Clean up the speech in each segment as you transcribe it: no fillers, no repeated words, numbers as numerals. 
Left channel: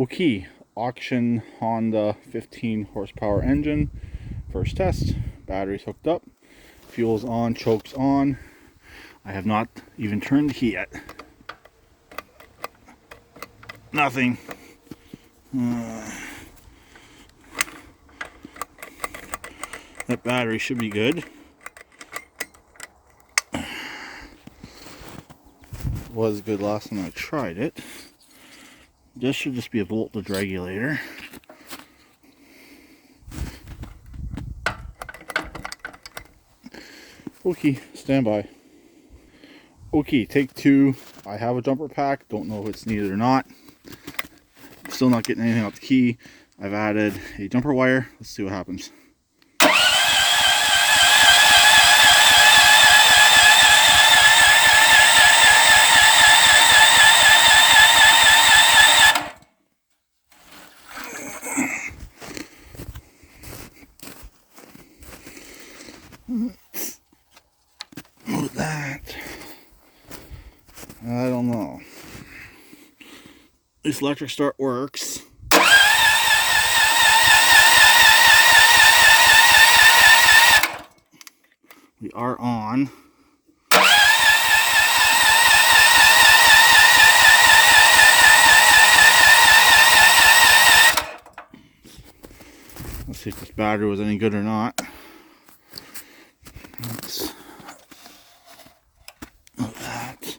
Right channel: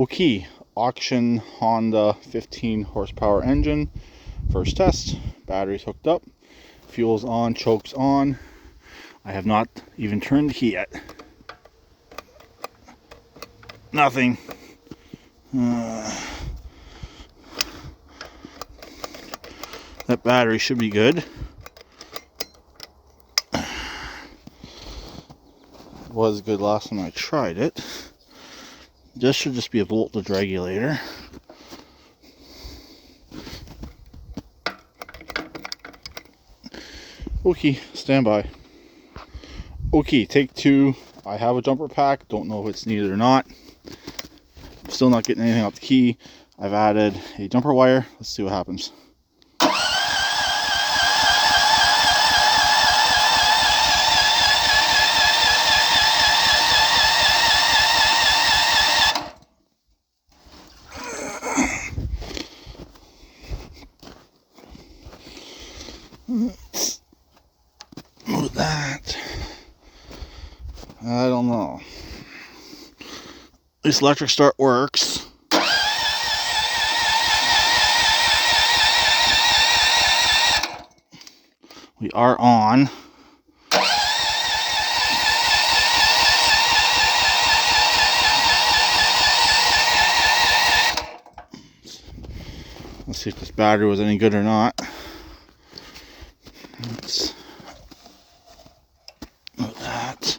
Okay, auction Honda 15 horsepower engine. First test, battery's hooked up, fuel's on, choke's on. I have not even turned the key yet. Nothing. That battery should be good. Was good last time I tried it. This should just be a voltage regulator. Okay, stand by. Okay, take two. I have a jumper pack. Don't know if it's needed or not. Still not getting anything off the key. I've added a jumper wire. Let's see what happens. Move that. I don't know. This electric start works. We are on. Let's see if this battery was any good or not. Let's move that.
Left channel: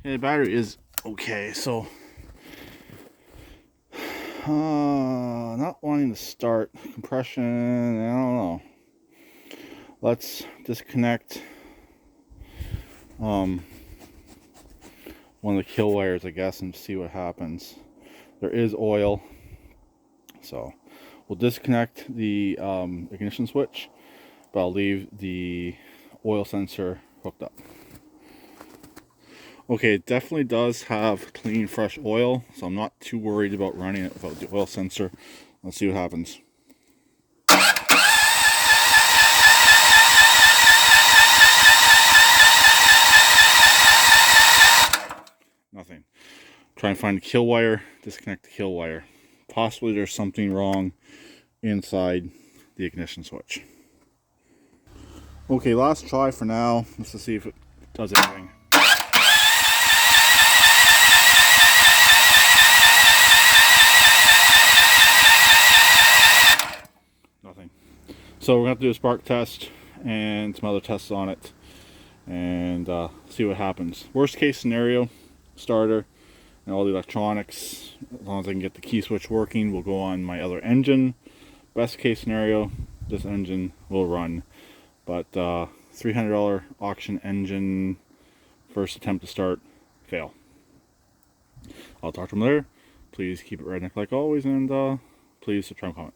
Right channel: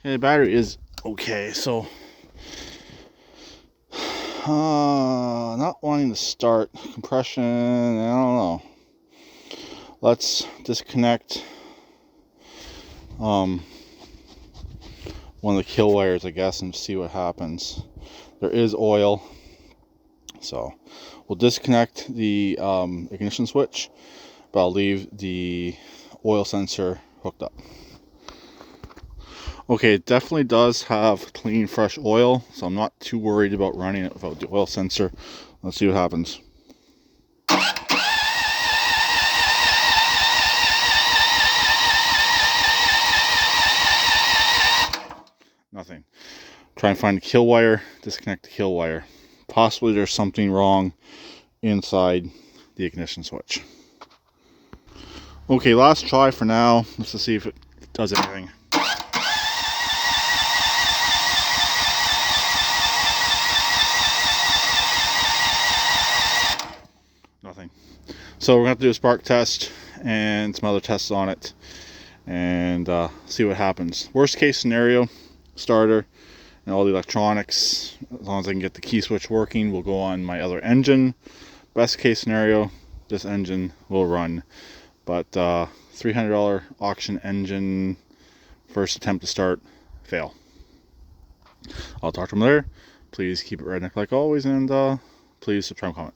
Okay, the battery is okay, so not wanting to start compression, I don't know. Let's disconnect one of the kill wires, I guess, and see what happens. There is oil, so we'll disconnect the ignition switch, but I'll leave the oil sensor hooked up. Okay, it definitely does have clean, fresh oil, so I'm not too worried about running it without the oil sensor. Let's see what happens. Nothing. Try and find the kill wire, disconnect the kill wire. Possibly there's something wrong inside the ignition switch. Okay, last try for now. Let's just see if it does anything. Nothing. So we're going to have to do a spark test and some other tests on it and see what happens. Worst case scenario, starter and all the electronics, as long as I can get the key switch working, will go on my other engine. Best case scenario, this engine will run. But $300 auction engine, first attempt to start, fail. I'll talk to them later. Please keep it redneck like always, and please subscribe and comment.